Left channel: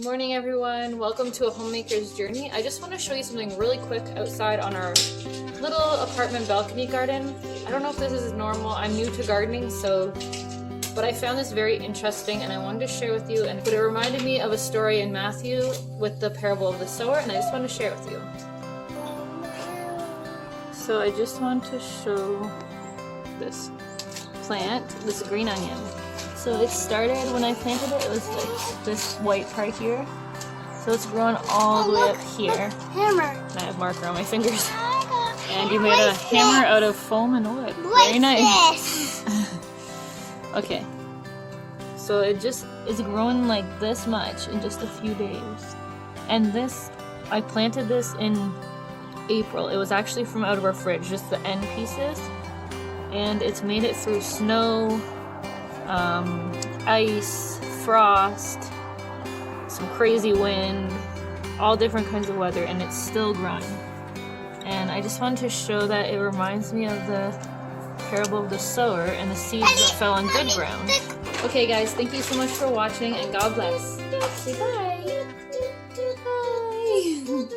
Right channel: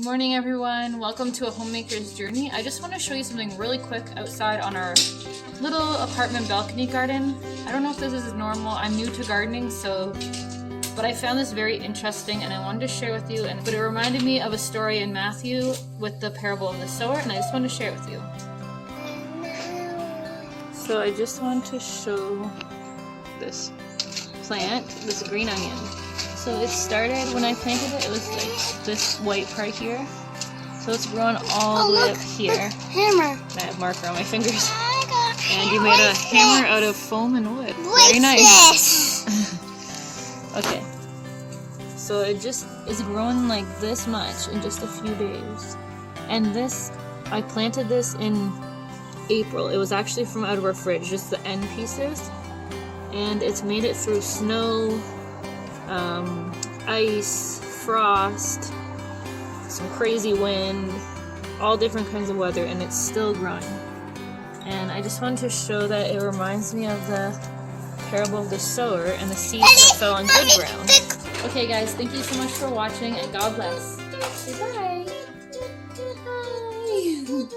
Good morning, everyone. Welcome to a homemaker's journey. I just want to show you something really quick outside on our little apartment balcony garden. I don't know if this is normal. I'm new to gardening, but I found this very interesting and I wanted to share with you. But it reminded me of a story in Matthew with the parable of the sower, and I just want to share it with you. So I just want to show this plant, this green onion. So it started, when I planted it, it was like this white part here. So it's grown all the way up here. Hammer. I have marker on my fingers. And you made a hammer out of foam and wood. Very nice. Okay. So it just is growing like this much in just a few days. And this, I planted this in April. It was actually from out of our fridge, just the end pieces. And it's made it through snow, ice, frost, some crazy wind, all different kinds of weather, and it's still growing. And I just wanted to show that it reminds me of the parable of the sower and the seeds that fell on good ground. Okay guys, thank you so much for watching, and God bless. Say bye. Bye.